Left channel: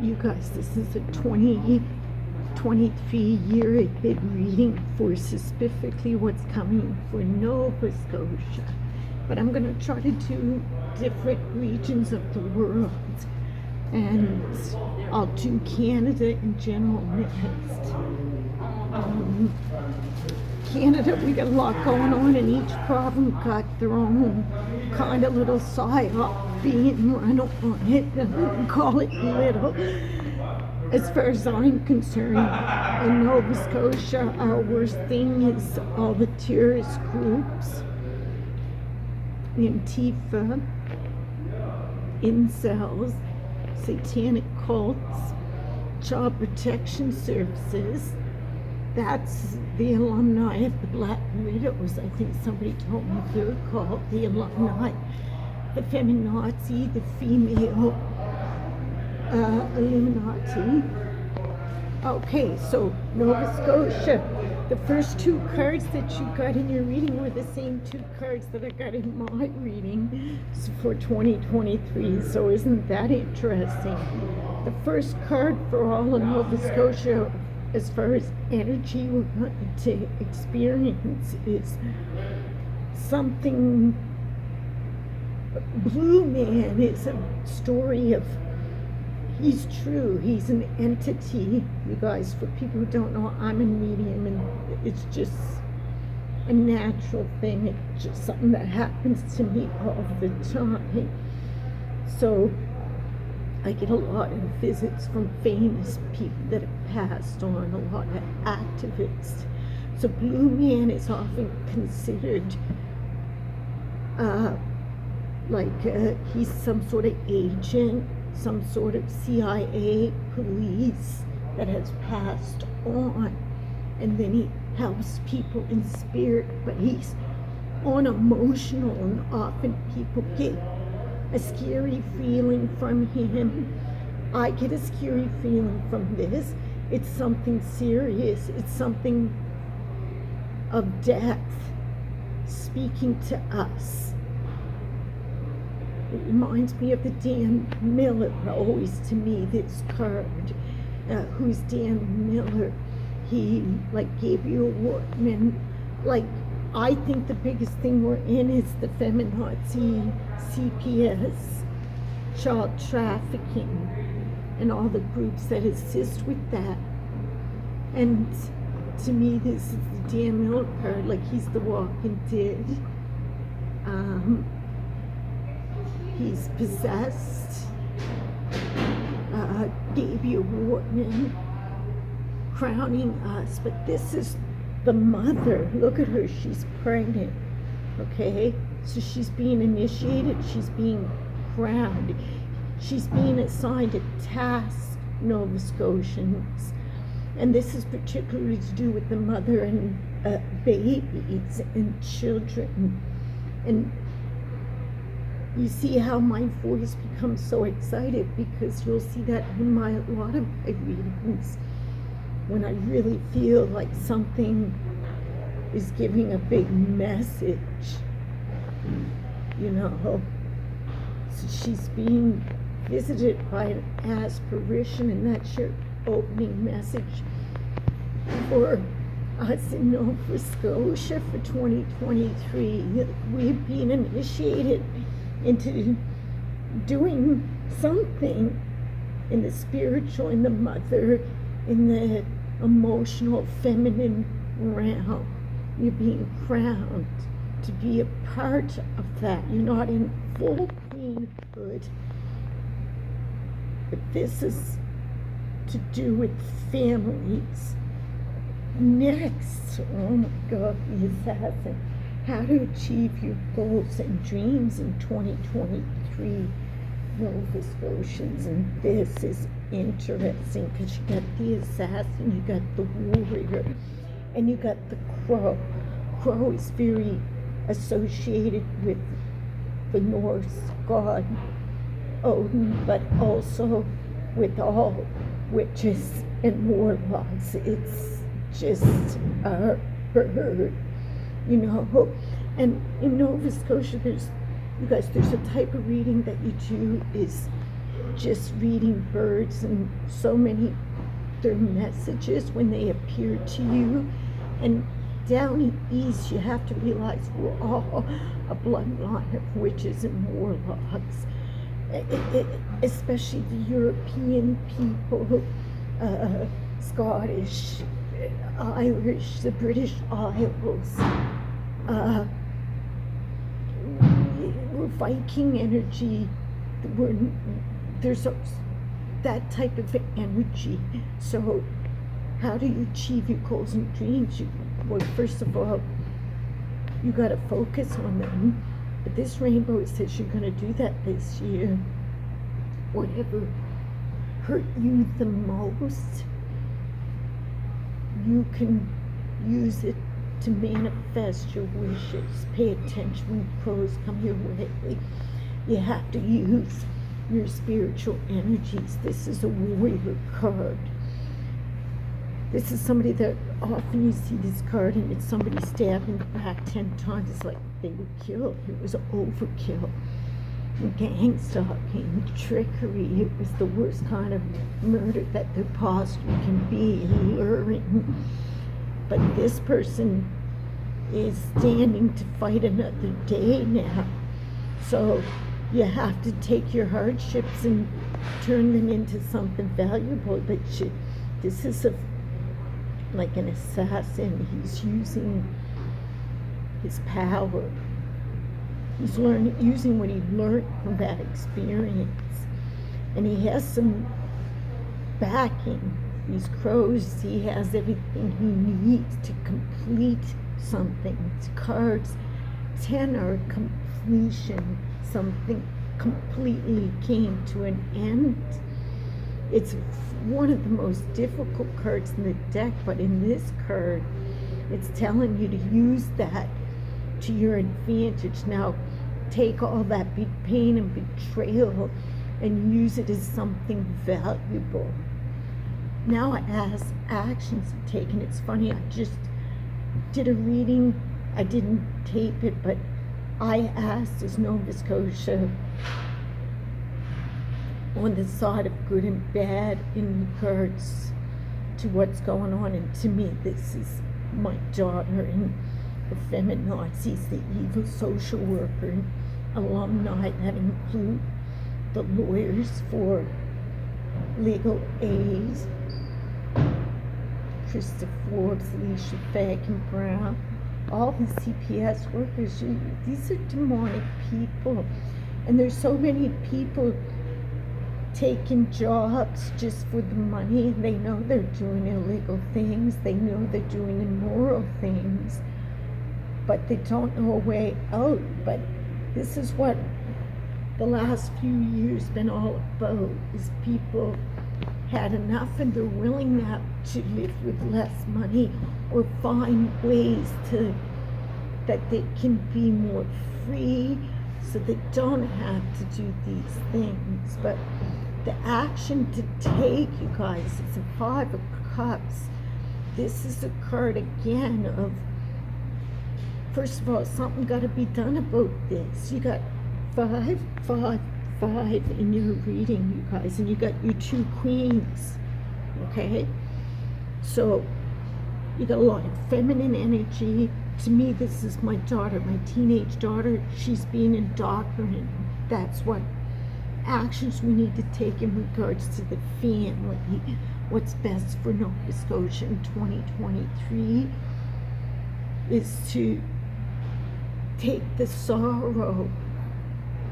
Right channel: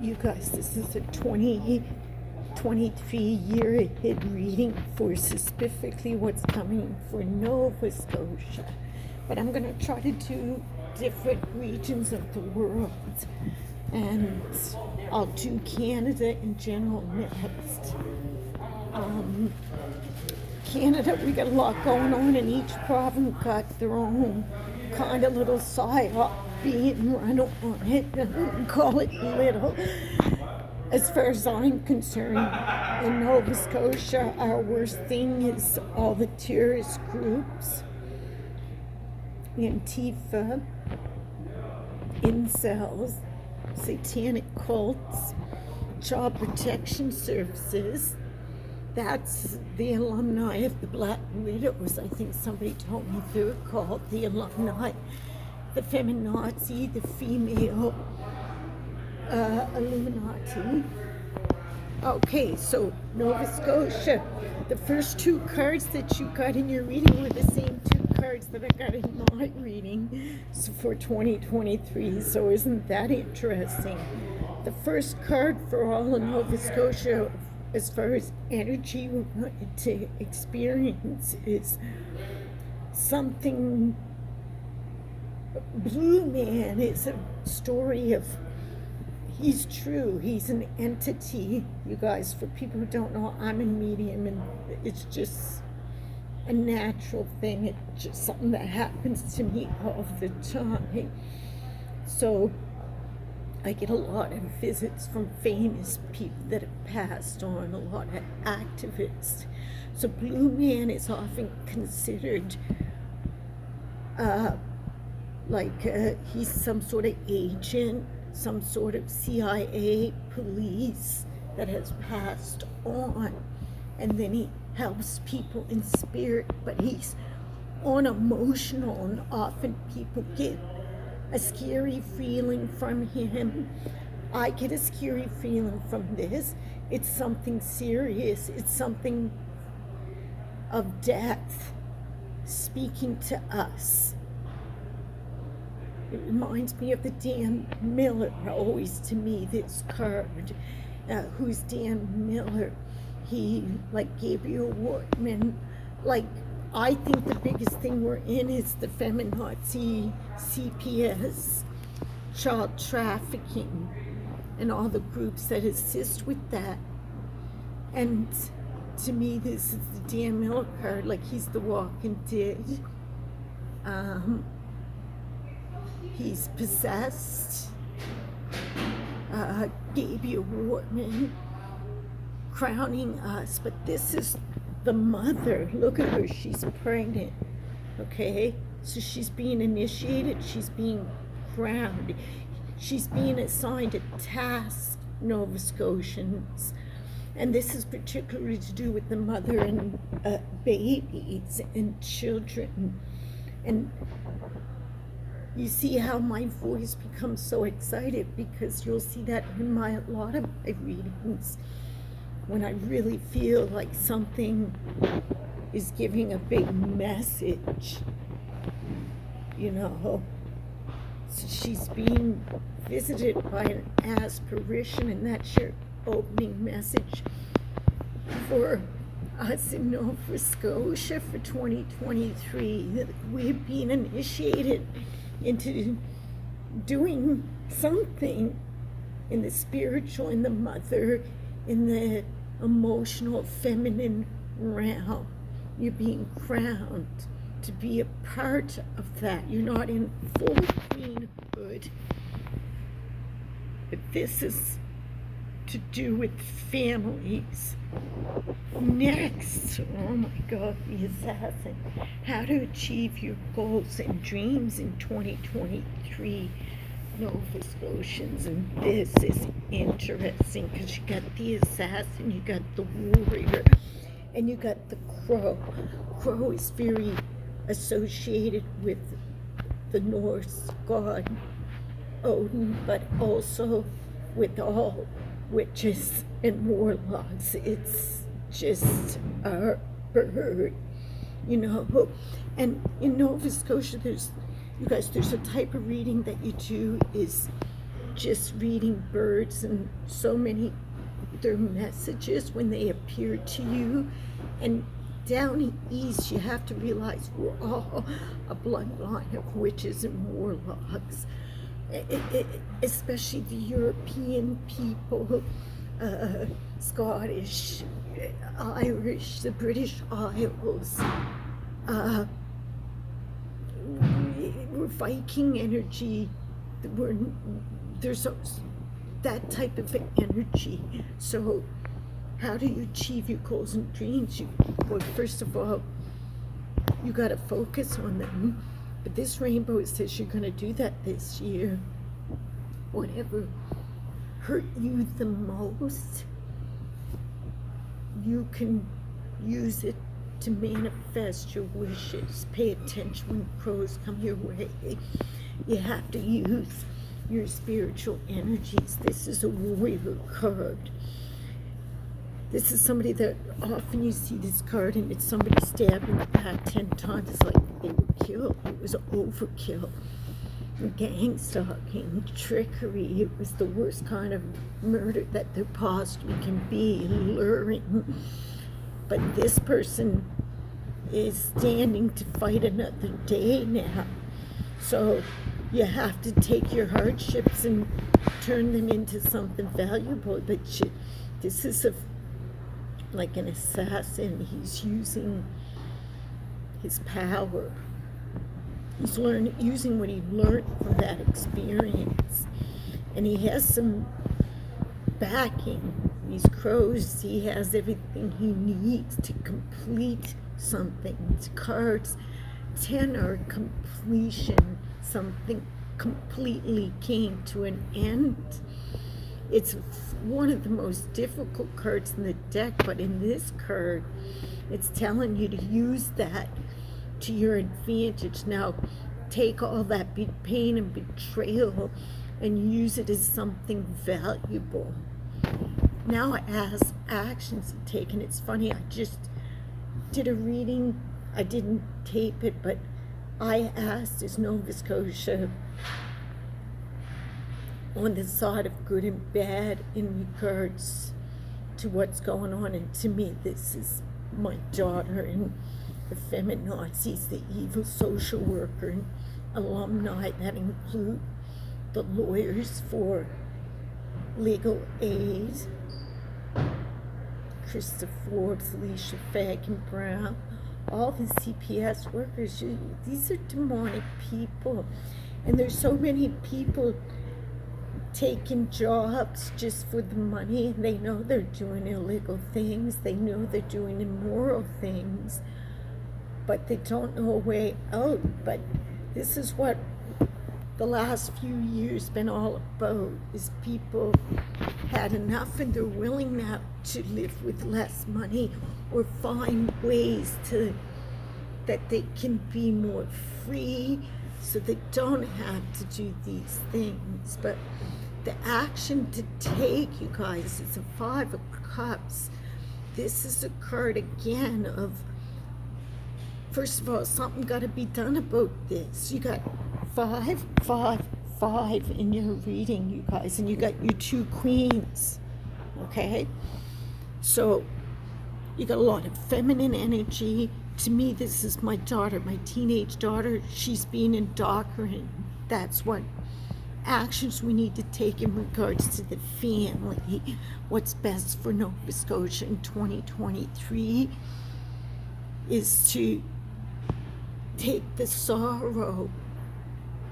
You guys, this is a 2023 year ahead reading for specifically what's coming for Nova Scotia. But I'm going to try to do different regions of the world. And I'll do Canada in general next. Canada, we got a lot going on, and each province got their own kind of little psyop being run on it. I wouldn't call it little. As far as I'm concerned, in Nova Scotia, our worst thing is all the terrorist groups, Antifa, incels, satanic cults, child protection services. That's the alumni of the Black Widows. I think somebody told me they're called the alumni. The feminazi, the female Illuminati. Okay, so Nova Scotia. The first two cards that you got in your reading were the same two cards that I got in my reading for 2023. So isn't that interesting? The first card for all of Nova Scotia, as far as energy we're going to experience, is something. Blue Man is a story of, he's true, he's an entity. You guys, for people who don't know, I'm a medium, and it's just a natural thing. It's just something that happens to me all the time. So I get a lot of visits from famous people that have passed on, a lot of activists. So Blue Man is often considered he's some sort of agent, some sort of CIA, police that has passed on, and then he helps people in spirit, but he's unemotional, and often people get a scary feeling from him. I get a scary feeling from this. It's something serious. It's something of death speaking to us. It reminds me of the Dan Miller, always to me, this card. Who's Dan Miller? He, gave you a woman. I think the biggest thing we're in is the feminazi, CPS, child trafficking, and all the groups that assist with that. And to me, this is the Dan Miller card, he's the walking dead. He's possessed. Baby Wartman crowning us, but this is the mother. Look at her, she's pregnant. Okay, so she's being initiated, she's being crowned, she's being assigned a task, Nova Scotians, and this is particularly to do with the mother and babies and children. And you see how my voice becomes so excited, because you'll see that in a lot of my readings, when I really feel like something is giving a big message, So she's being visited by an apparition, and that's your opening message for us in Nova Scotia for 2023. We're being initiated into doing something in the spiritual, in the mother, in the emotional, feminine realm. You're being crowned to be a part of that. You're not in full queenhood, but this is to do with families. Next, oh my God, the assassin. How to achieve your goals and dreams in 2023, Nova Scotians. And this is interesting, because you got the assassin, you got the warrior, and you got the crow. Crow is very associated with the Norse god Odin, but also with all witches and warlocks. It's just our bird, And in Nova Scotia, there's a type of reading that you do is just reading birds and so many their messages when they appear to you. And down east, you have to realize we're all a bloodline of witches and warlocks, especially the European people, Scottish, Irish, the British Isles. We're Viking energy. There's that type of energy. So how do you achieve your goals and dreams? Well, first of all, you got to focus on them. But this rainbow says you're going to do that this year. Whatever hurt you the most, you can use it to manifest your wishes. Pay attention when pros come your way. You have to use your spiritual energies. This is a warrior card. This is somebody that often you see this card and it's somebody stabbed in the back 10 times. It's like they were killed. It was overkill. Gang stalking, trickery. It was the worst kind of murder that there possibly can be, luring. But this person is standing to fight another day now. So you have to take your hardships and turn them into something valuable. But this is like an assassin. He's using his power. He's using what he learned from that experience. And he has some backing. These crows, he has everything he needs to complete something. It's cards 10 are completion. Something completely came to an end. It's one of the most difficult cards in the deck, but in this card, it's telling you to use that to your advantage. Now, take all that big pain and betrayal and use it as something valuable. Now, as actions are taken, it's funny, I just did a reading. I didn't tape it, but I asked, is Nova Scotia on the side of good and bad in regards to what's going on? And to me, this is my daughter and the feminazis, the evil social worker and alumni that include the lawyers for legal aid, Krista Forbes, Alicia Fagan Brown, all the CPS workers. These are demonic people. And there's so many people taking jobs just for the money. They know they're doing illegal things. They know they're doing immoral things. But they don't know a way out. But this is what the last few years been all about, is people had enough and they're willing now to live with less money or find ways that they can be more free so they don't have to do these things. But the action to take, you guys, is a 5 of Cups. This is a card again of, first of all, something got to be done about this. You got 5, 5, 5 in your reading, you guys, and you got your 2 queens, okay? So you got a lot of feminine energy. To me, this is my daughter, my teenage daughter. She's being indoctrinated. That's what actions we need to take in regards to the family. What's best for Nova Scotia in 2023 is to take the sorrow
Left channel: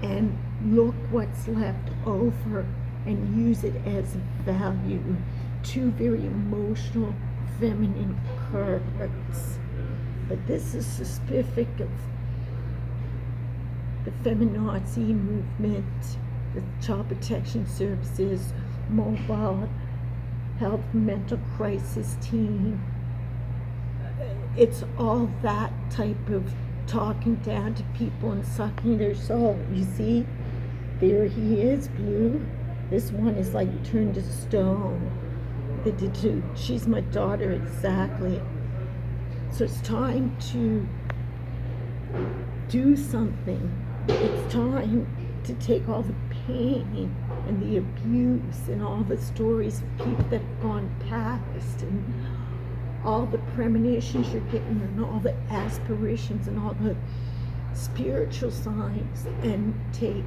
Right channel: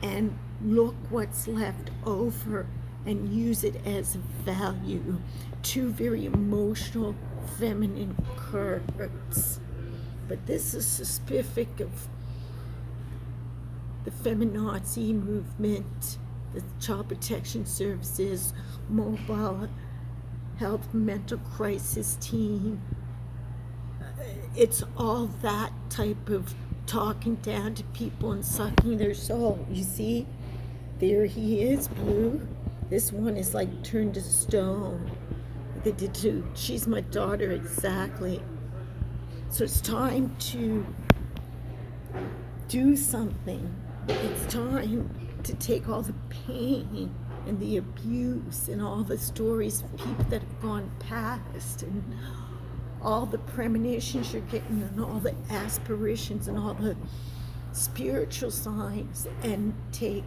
and look what's left over and use it as a value. 2 very emotional, feminine cards. But this is specific of the feminazi movement, the Child Protection Services, mobile health, mental crisis team. It's all that type of talking down to people and sucking their soul. You see, there he is, blue. This one is like turned to stone. They did too. She's my daughter, exactly. So it's time to do something. It's time to take all the pain and the abuse and all the stories of people that have gone past and all the premonitions you're getting and all the aspirations and all the spiritual signs, and take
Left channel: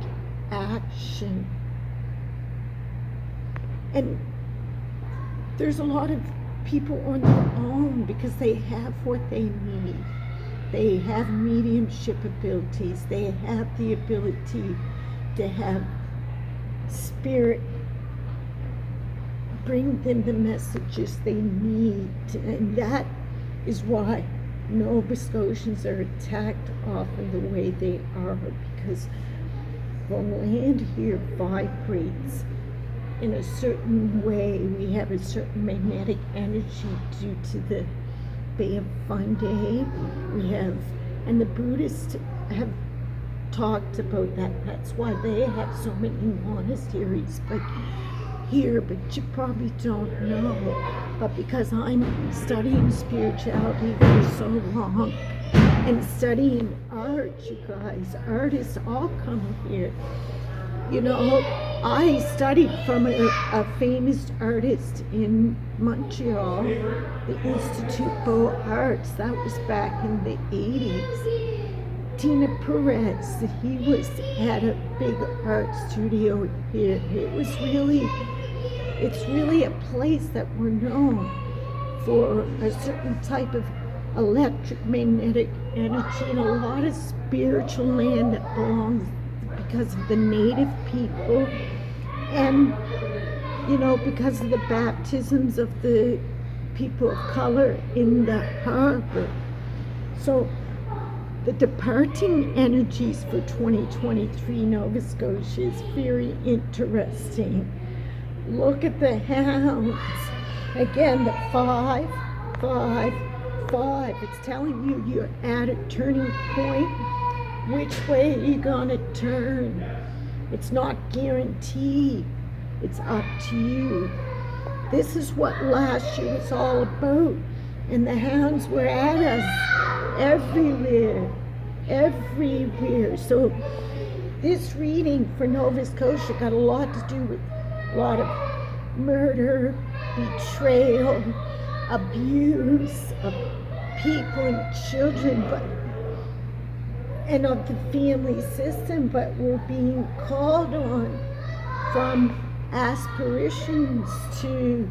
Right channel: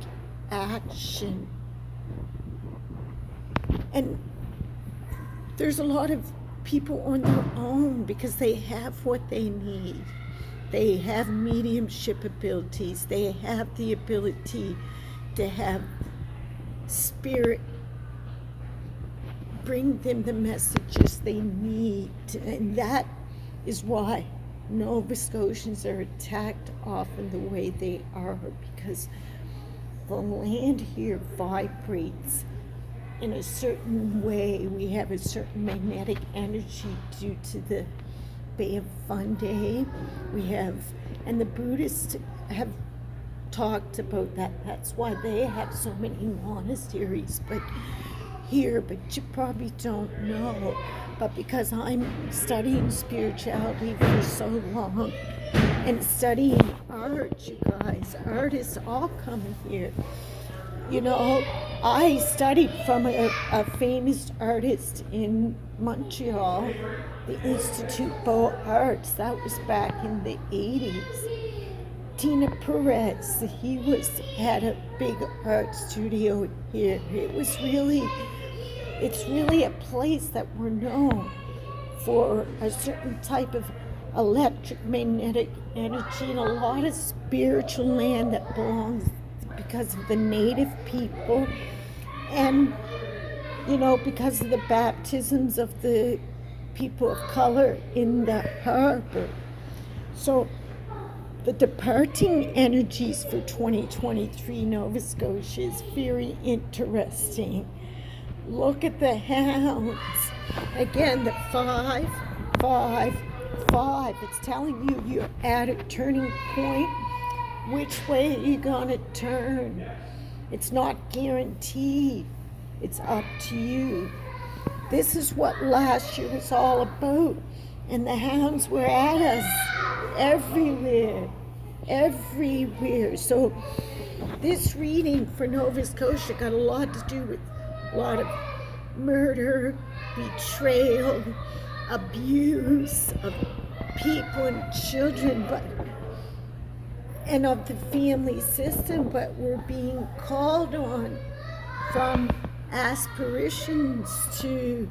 action. And there's a lot of people on their own because they have what they need. They have mediumship abilities. They have the ability to have spirit bring them the messages they need. And that is why Nova Scotians are attacked often the way they are, because the land here vibrates in a certain way. We have a certain magnetic energy due to the Bay of Fundy. We have, and the Buddhists have talked about that. That's why they have so many monasteries but you probably don't know. But because I'm studying spirituality for so long and studying art, you guys, artists all come here. You know, I studied from a famous artist in Montreal, the Institute Beaux Arts. That was back in the 80s. Tina Perez, had a big art studio here. It's really a place that we're known for a certain type of electromagnetic energy and a lot of spiritual land that belongs because of the native people and, you know, because of the baptisms of the people of color in the harbor. So the departing energies for 2023 Nova Scotia is very interesting. Look at the hounds. Again, the 5, 5, 5. It's telling you you're at a turning point. Which way are you gonna turn? It's not guaranteed. It's up to you. This is what last year was all about. And the hounds were at us everywhere. So this reading for Nova Scotia got a lot to do with a lot of murder, betrayal, abuse of people and children, and of the family system, but we're being called on from aspirations to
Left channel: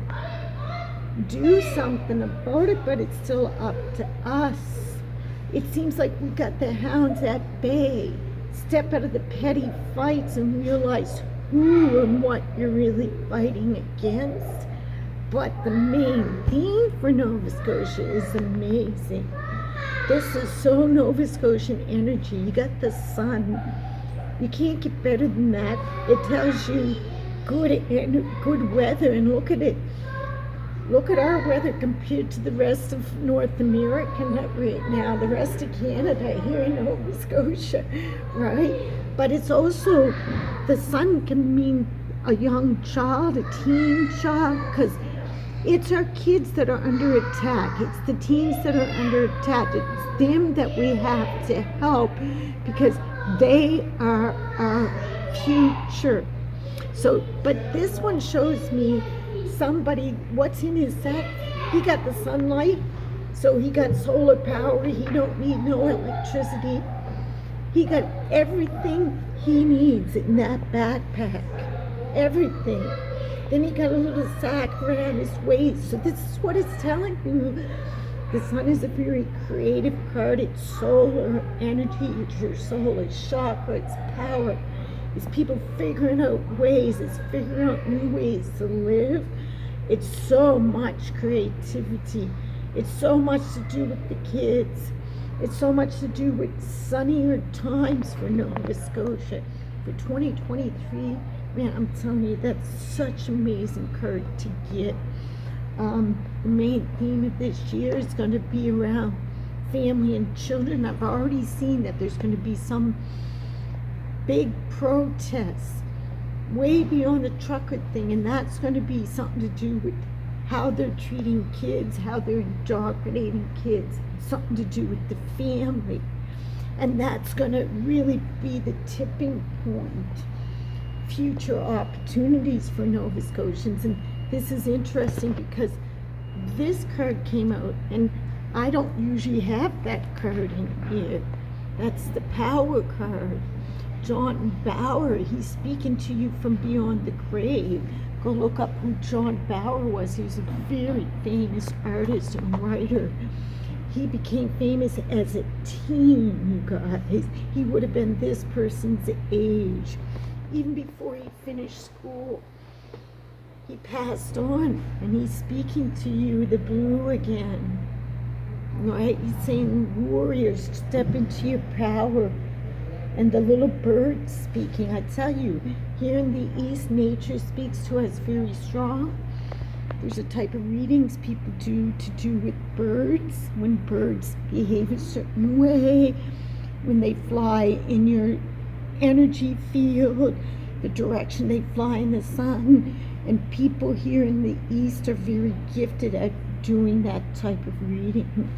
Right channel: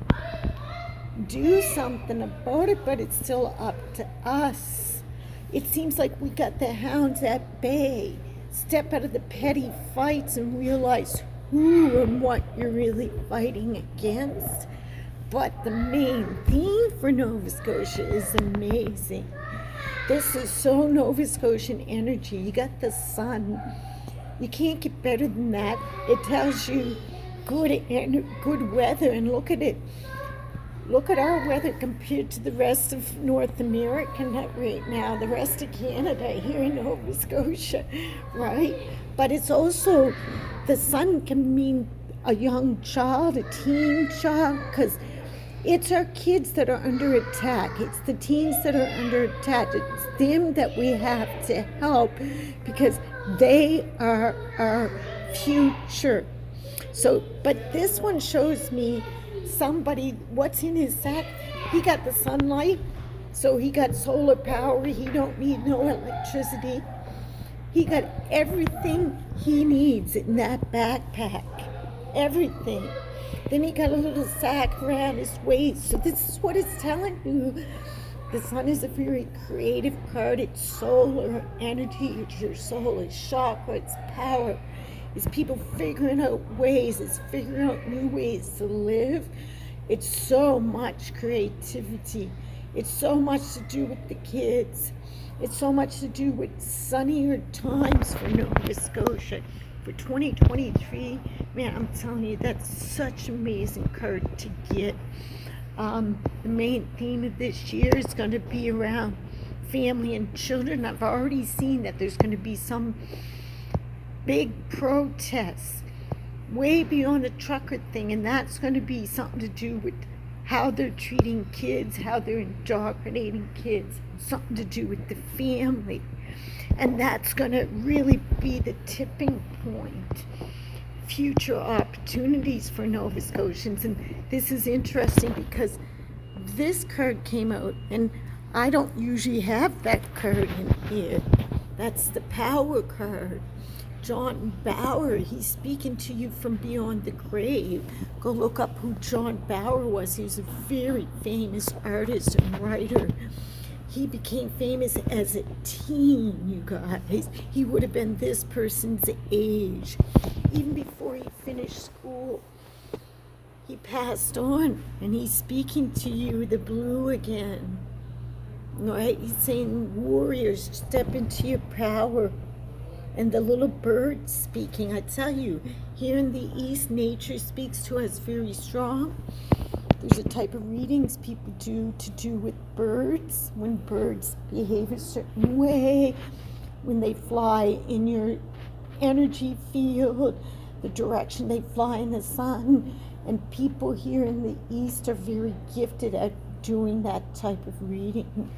do something about it, but it's still up to us. It seems like we got the hounds at bay. Step out of the petty fights and realize who and what you're really fighting against. But the main theme for Nova Scotia is amazing. This is so Nova Scotian energy. You got the sun. You can't get better than that. It tells you good weather, and look at it. Look at our weather compared to the rest of North America right now, the rest of Canada here in Nova Scotia, right? But it's also, the sun can mean a young child, a teen child, because it's our kids that are under attack. It's the teens that are under attack. It's them that we have to help because they are our future. So, but this one shows me somebody, what's in his sack? He got the sunlight, so he got solar power. He don't need no electricity. He got everything he needs in that backpack. Everything. Then he got a little sack around his waist. So this is what it's telling you. The sun is a very creative card. It's solar energy. It's your soul. It's chakra. It's power. It's people figuring out ways. It's figuring out new ways to live. It's so much creativity. It's so much to do with the kids. It's so much to do with sunnier times for Nova Scotia. For 2023, man, I'm telling you, that's such an amazing card to get. The main theme of this year is going to be around family and children. I've already seen that there's going to be some big protests way beyond the trucker thing, and that's going to be something to do with how they're treating kids, how they're indoctrinating kids, something to do with the family. And that's going to really be the tipping point future opportunities for Nova Scotians. And this is interesting because this card came out, and I don't usually have that card in here. That's the Power card. John Bauer, he's speaking to you from beyond the grave. Go look up who John Bauer was. He's a very famous artist and writer. He became famous as a teen, you guys. He would have been this person's age. Even before he finished school, he passed on, and he's speaking to you, the blue again. Right? He's saying, warriors, step into your power. And the little bird speaking, I tell you, here in the East, nature speaks to us very strong. There's a type of readings people do to do with birds, when birds behave a certain way, when they fly in your energy field, the direction they fly in the sun. And people here in the East are very gifted at doing that type of reading.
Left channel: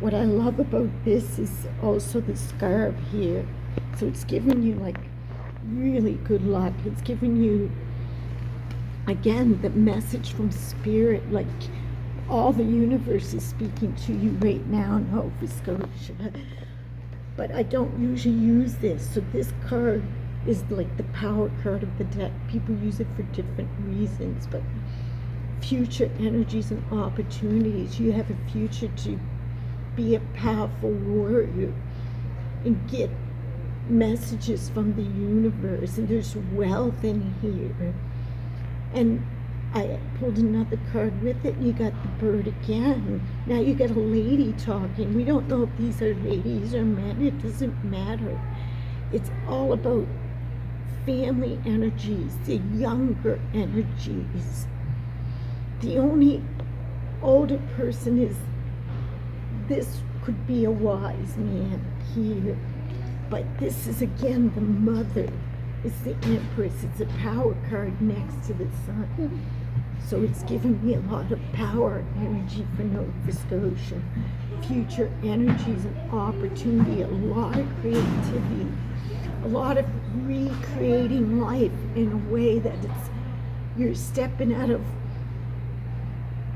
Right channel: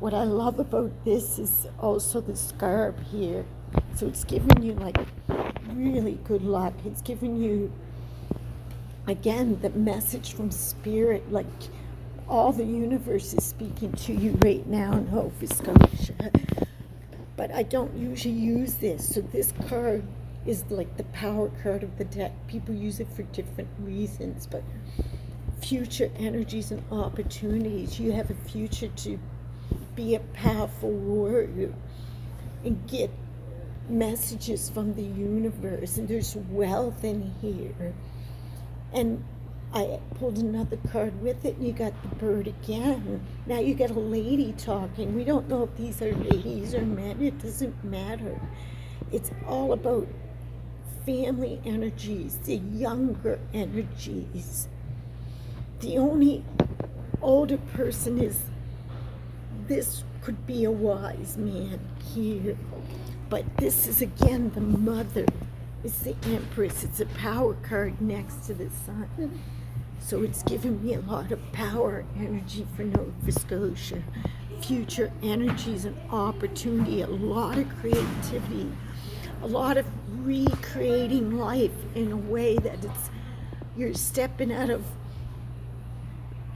What I love about this is also the scarab here. So it's giving you like really good luck. It's giving you, again, the message from spirit, like all the universe is speaking to you right now in Nova Scotia. But I don't usually use this. So this card is like the power card of the deck. People use it for different reasons, but future energies and opportunities. You have a future to be a powerful warrior and get messages from the universe, and there's wealth in here. And I pulled another card with it, and you got the bird again. Now you got a lady talking. We don't know if these are ladies or men. It doesn't matter. It's all about family energies, the younger energies. The only older person is, this could be a wise man here. But this is, again, the mother. It's the Empress. It's a power card next to the sun. So it's giving me a lot of power energy for Nova Scotia. Future energies and opportunity, a lot of creativity, a lot of recreating life in a way that you're stepping out of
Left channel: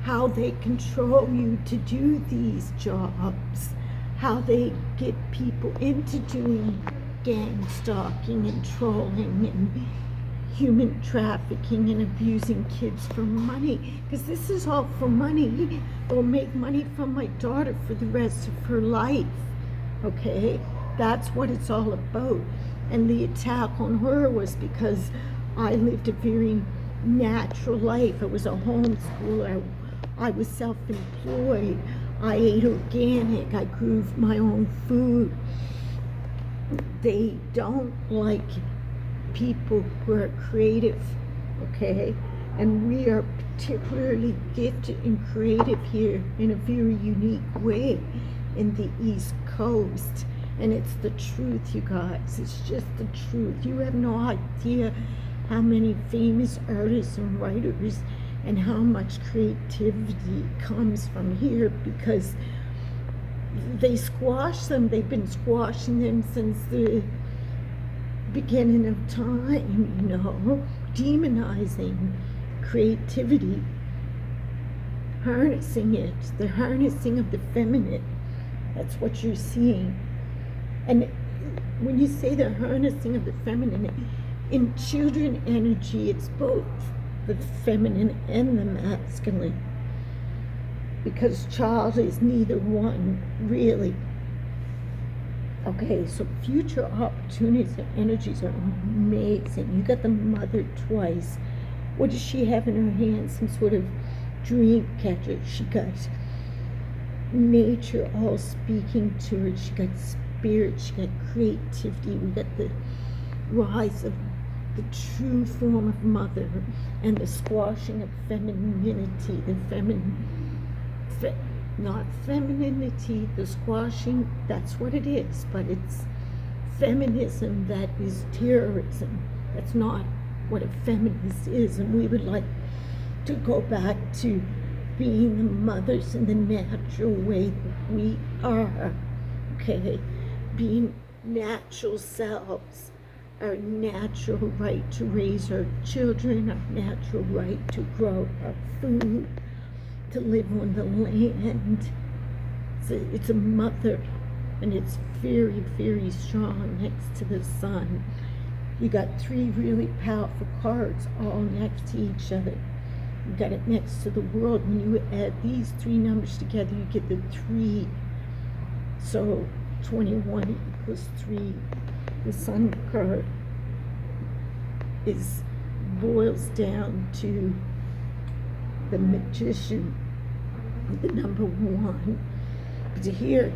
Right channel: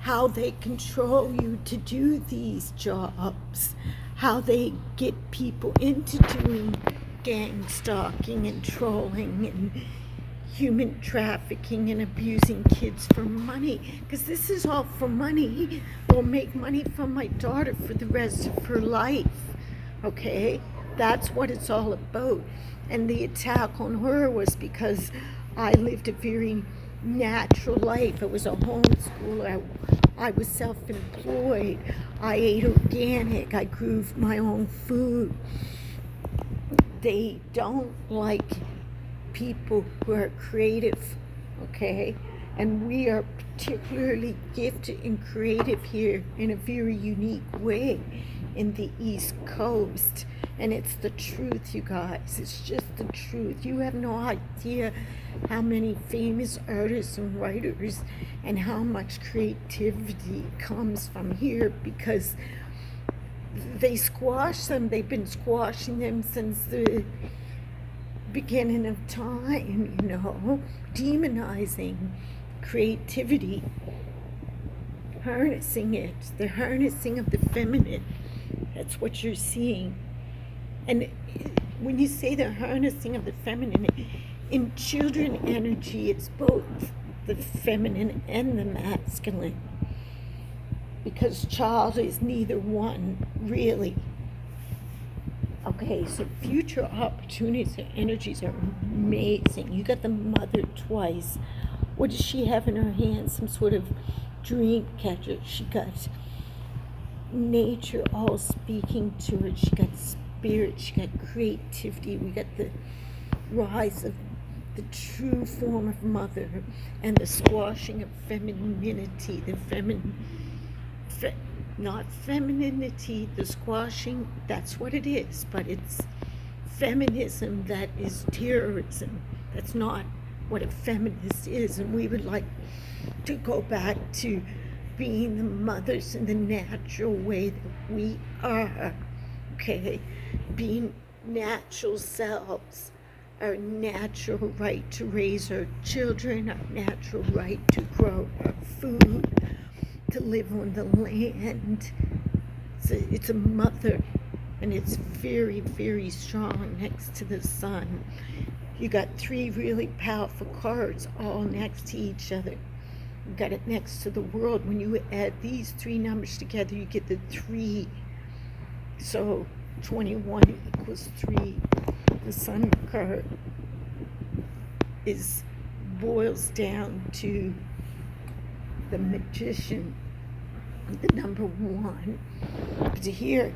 how they control you to do these jobs, how they get people into doing gang stalking and trolling and human trafficking and abusing kids for money. Because this is all for money. I'll make money from my daughter for the rest of her life. Okay? That's what it's all about. And the attack on her was because I lived a very natural life. I was a homeschooler. I was self-employed. I ate organic. I grew my own food. They don't like people who are creative, okay? And we are particularly gifted and creative here in a very unique way in the East Coast. And it's the truth, you guys. It's just the truth. You have no idea how many famous artists and writers and how much creativity comes from here, because they squash them. They've been squashing them since the beginning of time, you know, demonizing creativity, harnessing it, the harnessing of the feminine. That's what you're seeing. And when you say the harnessing of the feminine, in children energy, it's both the feminine and the masculine, because child is neither one, really. Okay, so future opportunities and energies are amazing. You got the mother twice. What does she have in her hand? Some sort of dream catcher. She got nature all speaking to her. She got spirit. She got creativity. We got the rise of the true form of mother and the squashing of femininity, not femininity, the squashing, that's what it is, but it's feminism that is terrorism. That's not what a feminist is, and we would like to go back to being the mothers in the natural way that we are, okay? Being natural selves, our natural right to raise our children, our natural right to grow our food, to live on the land. It's a mother, and it's very, very strong next to the sun. You got three really powerful cards all next to each other. You got it next to the world. When you add these three numbers together, you get the 3. So 21 equals 3. The sun card boils down to the magician, the number 1. But here,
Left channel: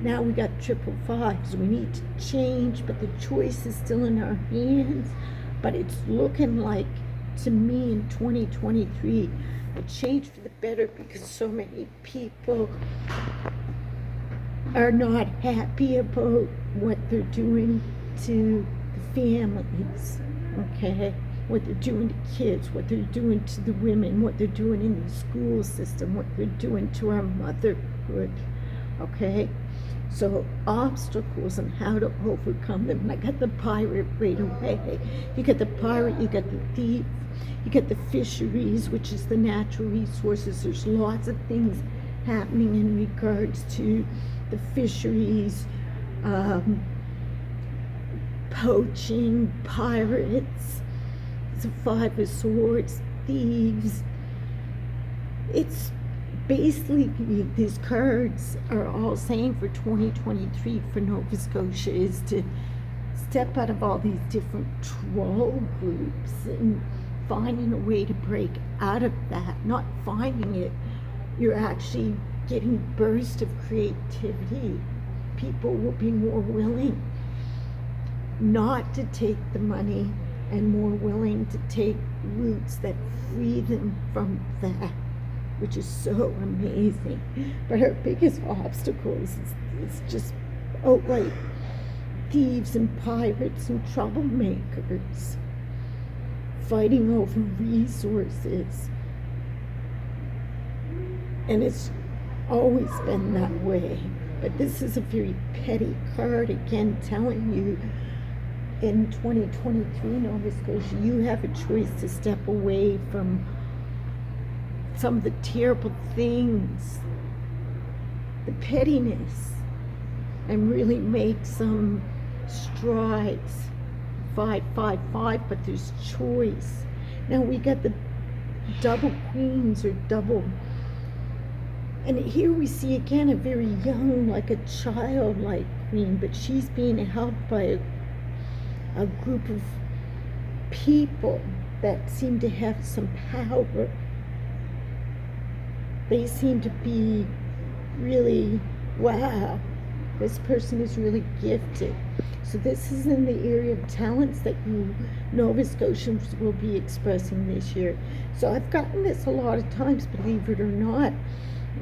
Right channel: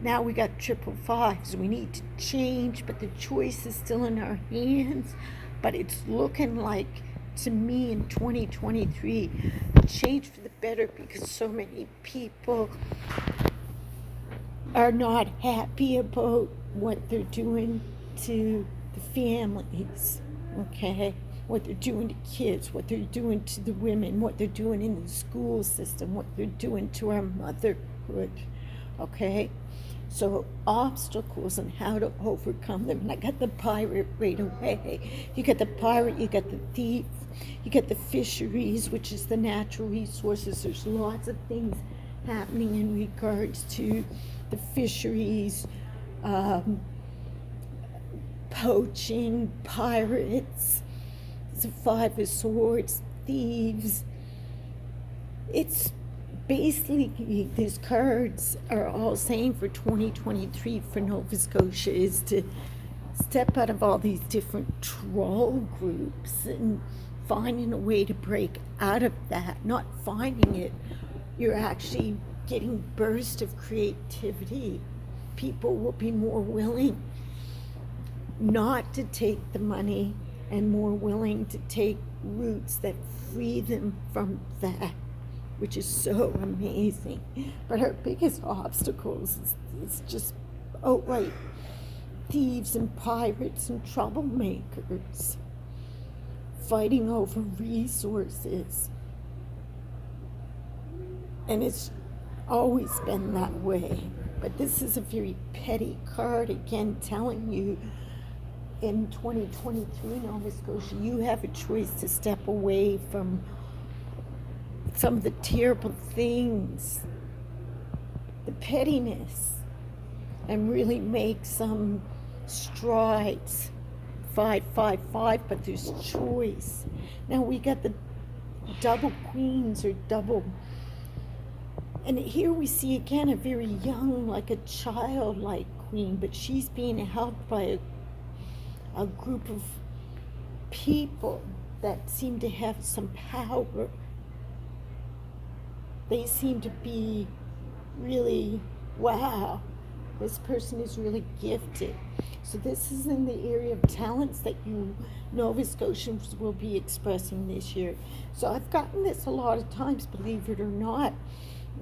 now we got 555s. We need to change, but the choice is still in our hands. But it's looking like, to me, in 2023, a change for the better, because so many people are not happy about what they're doing to the families, okay? What they're doing to kids, what they're doing to the women, what they're doing in the school system, what they're doing to our motherhood, okay? So obstacles and how to overcome them. And I got the pirate right away. You got the pirate, you got the thief, you got the fisheries, which is the natural resources. There's lots of things happening in regards to the fisheries, poaching, pirates. It's a 5 of Swords, thieves. It's basically, these cards are all saying for 2023 for Nova Scotia is to step out of all these different troll groups and finding a way to break out of that. Not finding it, you're actually getting bursts of creativity. People will be more willing not to take the money and more willing to take routes that free them from that, which is so amazing. But our biggest obstacles is just outright thieves and pirates and troublemakers fighting over resources. And it's always been that way. But this is a very petty card, again, telling you in 2023, Nova Scotia, you have a choice to step away from some of the terrible things, the pettiness, and really make some strides. 555, but there's choice. Now we got the double queens, or double, and here we see again a very young, like a childlike queen, but she's being held by a group of people that seem to have some power. They seem to be really, wow, this person is really gifted. So this is in the area of talents that you Nova Scotians will be expressing this year. So I've gotten this a lot of times, believe it or not,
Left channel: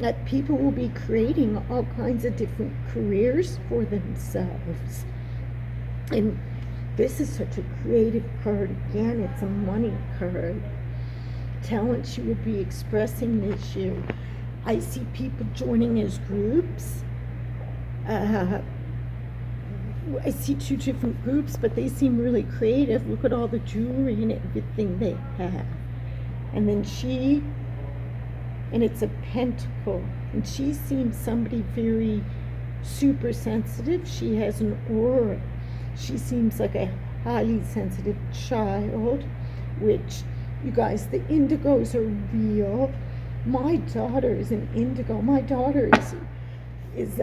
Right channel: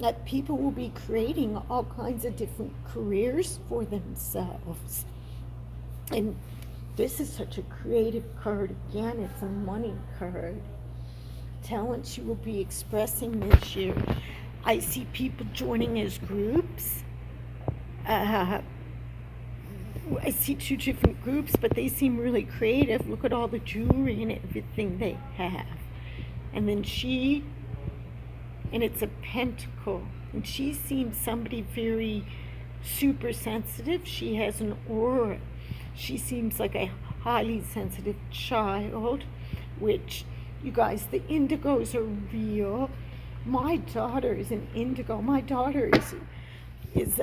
that people will be creating all kinds of different careers for themselves. And this is such a creative card. Again, it's a money card. Talents you will be expressing this year. I see people joining as groups. I see 2 different groups, but they seem really creative. Look at all the jewelry and everything they have. And then and it's a pentacle, and she seems somebody very super sensitive. She has an aura. She seems like a highly sensitive child, which, you guys, the indigos are real. My daughter is an indigo. My daughter is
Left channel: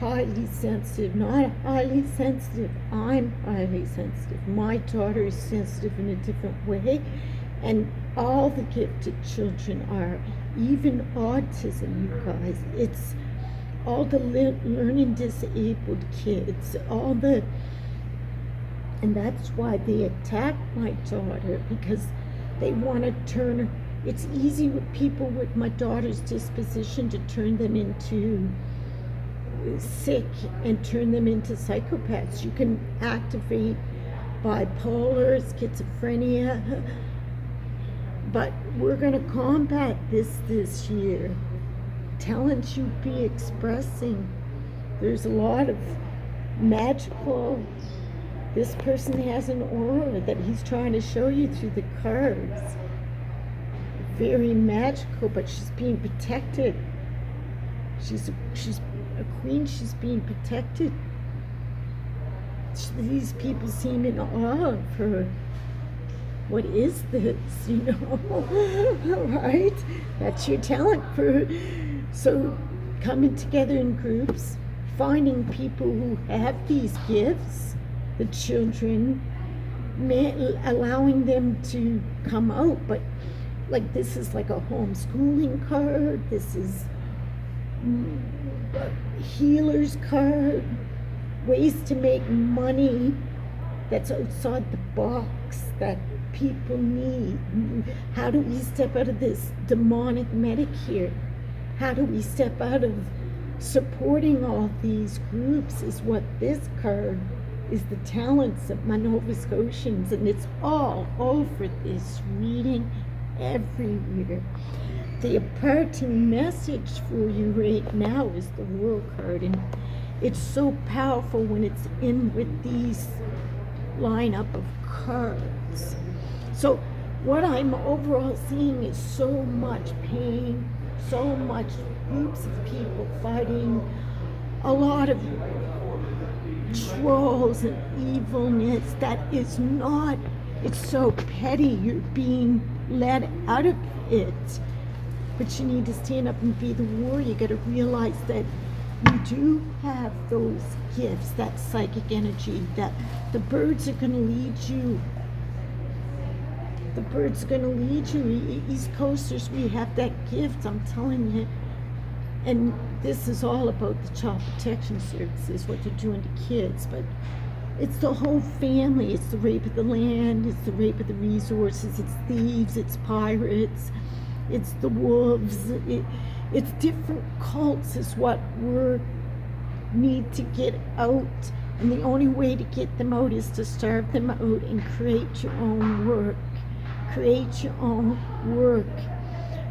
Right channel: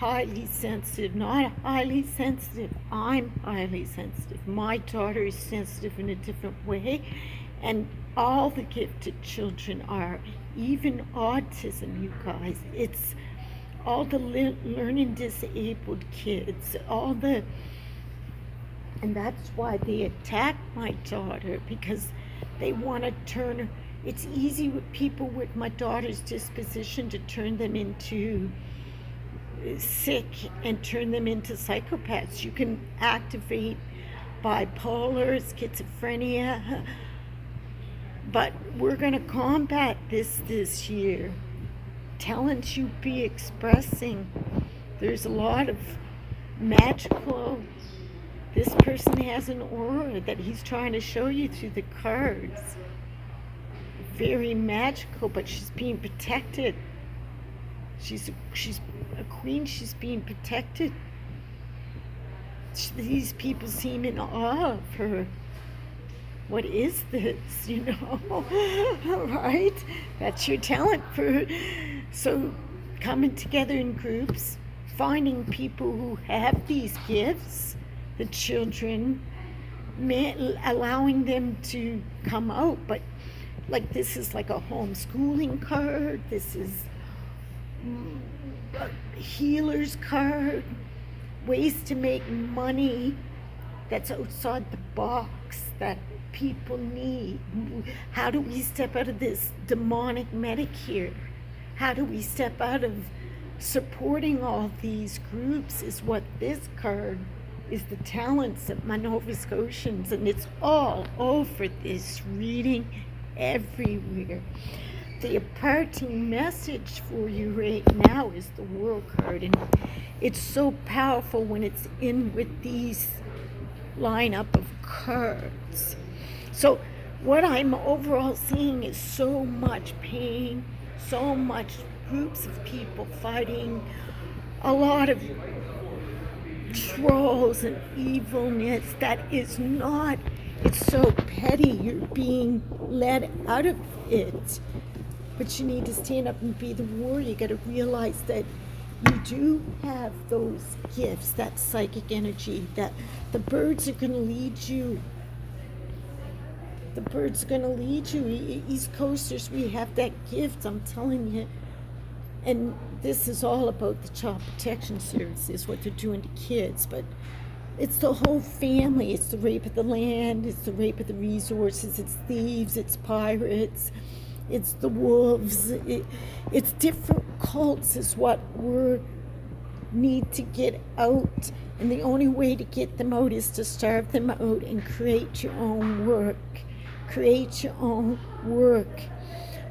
highly sensitive, not highly sensitive. I'm highly sensitive. My daughter is sensitive in a different way, and all the gifted children are, even autism, you guys. It's all the learning disabled kids, and that's why they attack my daughter, because they want to turn her. It's easy with people with my daughter's disposition to turn them into sick and turn them into psychopaths. You can activate bipolar, schizophrenia, but we're going to combat this year. Talents you be expressing. There's a lot of magical This person has an aura that he's trying to show you through the cards. Very magical, but she's being protected. She's a queen. She's being protected. These people seem in awe of her. What is this? Right? That's your talent for. So, coming together in groups, finding people who have these gifts, the children, allowing them to come out. But like, this is like a homeschooling card. This is a healer's card. Ways to make money that's outside the box that people need. How do we step out of this demonic medic here? How do we step out of supporting all these groups is what this card is, the talents of my Nova Scotians, and it's all over this reading everywhere. The parting message for you right now is the World card, and it's so powerful when it's in with these lineup of cards. So what I'm overall seeing is so much pain, so much groups of people fighting, a lot of trolls and evilness that is not, it's so petty, you're being led out of it. But you need to stand up and be the warrior. You got to realize that you do have those gifts, that psychic energy, that the birds are going to lead you. The birds are going to lead you. East Coasters, we have that gift, I'm telling you. And this is all about the Child Protection Services, what they're doing to kids. But it's the whole family. It's the rape of the land. It's the rape of the resources. It's thieves. It's pirates. It's the wolves. It's different cults is what we need to get out. And the only way to get them out is to starve them out and create your own work. Create your own work.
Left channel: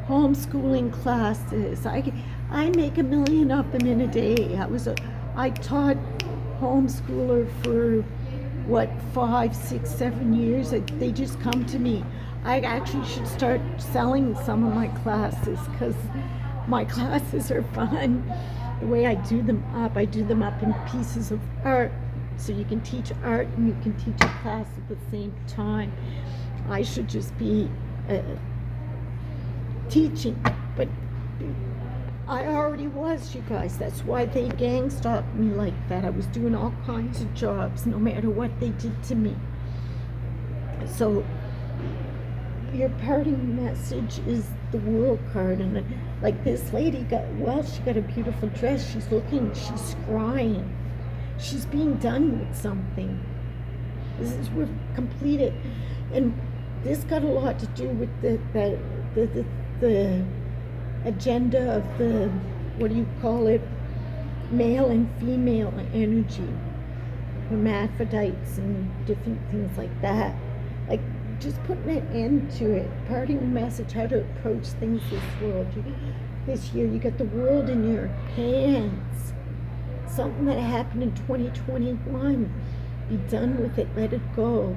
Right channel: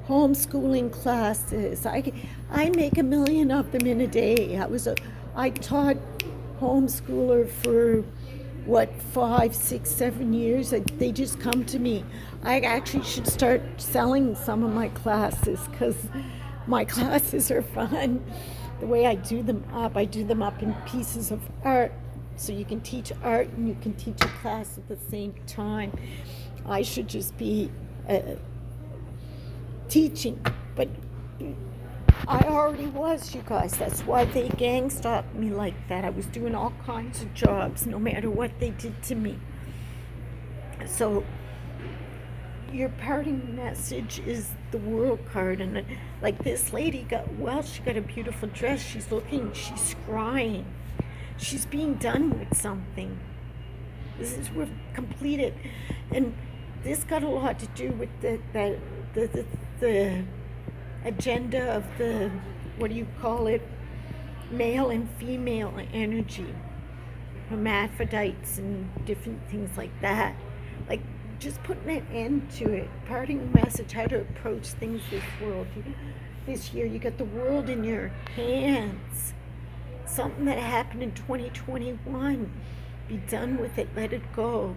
Homeschooling classes. I make 1 million of them in a day. I taught homeschooler for 5, 6, 7 years. They just come to me. I actually should start selling some of my classes because my classes are fun. The way I do them up in pieces of art. So you can teach art and you can teach a class at the same time. I should just be teaching, but I already was, you guys. That's why they gang stalked me like that. I was doing all kinds of jobs, no matter what they did to me. So your parting message is the World card, and like this lady she got a beautiful dress. She's scrying. She's being done with something. We're completed, and this got a lot to do with the agenda of the, what do you call it, male and female energy, hermaphrodites and different things like that. Like, just putting an end to it. Parting message, how to approach things this year. You got the world in your hands. Something that happened in 2021. Be done with it. Let it go.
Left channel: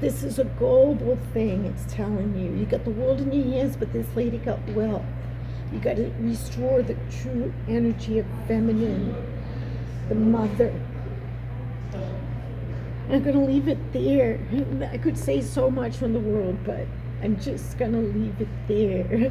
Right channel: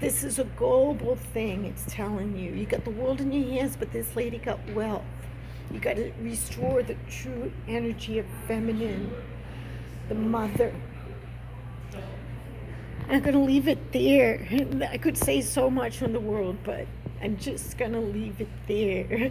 This is a global thing. It's telling you. You got the world in your hands, but this lady got wealth. You got to restore the true energy of feminine, the mother. I'm going to leave it there. I could say so much on the world, but I'm just going to leave it there.